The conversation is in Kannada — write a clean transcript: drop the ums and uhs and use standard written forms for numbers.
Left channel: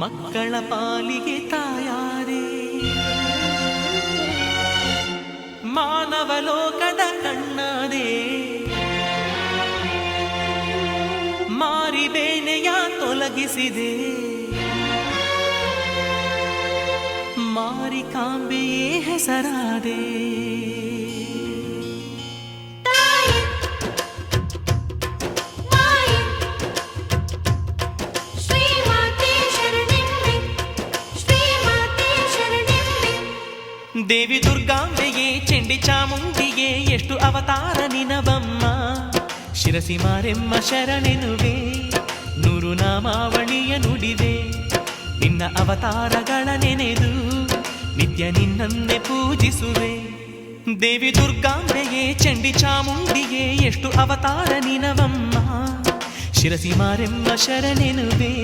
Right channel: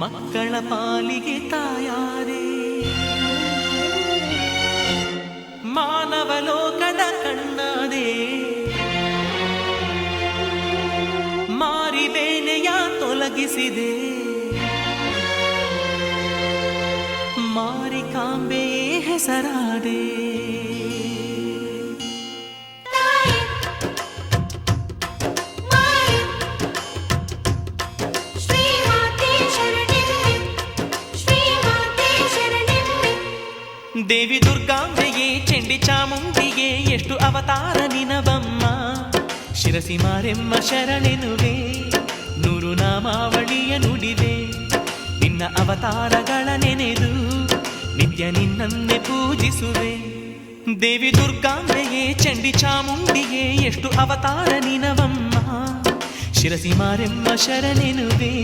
ಮಕ್ಕಳ ಪಾಲಿಗೆ ತಾಯಾದೆ, ಮಾನವ ಲೋಕದ ಕಣ್ಣಾದೆ, ಮಾರಿಬೇನೆಯ ತೊಲಗಿಸಿದೆ, ಮಾರಿಕಾಂಬೆಯೇ ಹೆಸರಾದೆ. ದೇವಿ ದುರ್ಗಾಂಬೆಯೇ ಚಂಡಿ ಚಾಮುಂಡಿಗೆ ಎಷ್ಟು ಅವತಾರ ನಿನವಮ್ಮ, ಶಿರಸಿ ಮಾರೆಮ್ಮ ಶರಣೆನುವೆ, ನೂರು ನಾಮಾವಳಿಯ ನುಡಿವೆ, ನಿನ್ನ ಅವತಾರಗಳ ನೆನೆದು ನಿತ್ಯ ನಿನ್ನನ್ನೇ ಪೂಜಿಸುವೆ. ದೇವಿ ದುರ್ಗಾಂಬೆಯೇ ಚಂಡಿ ಚಾಮುಂಡಿಗೆ ಎಷ್ಟು ಅವತಾರ ನಿನವಮ್ಮ, ಶಿರಸಿ ಮಾರೆಮ್ಮ ಶರಣೆನುವೆ,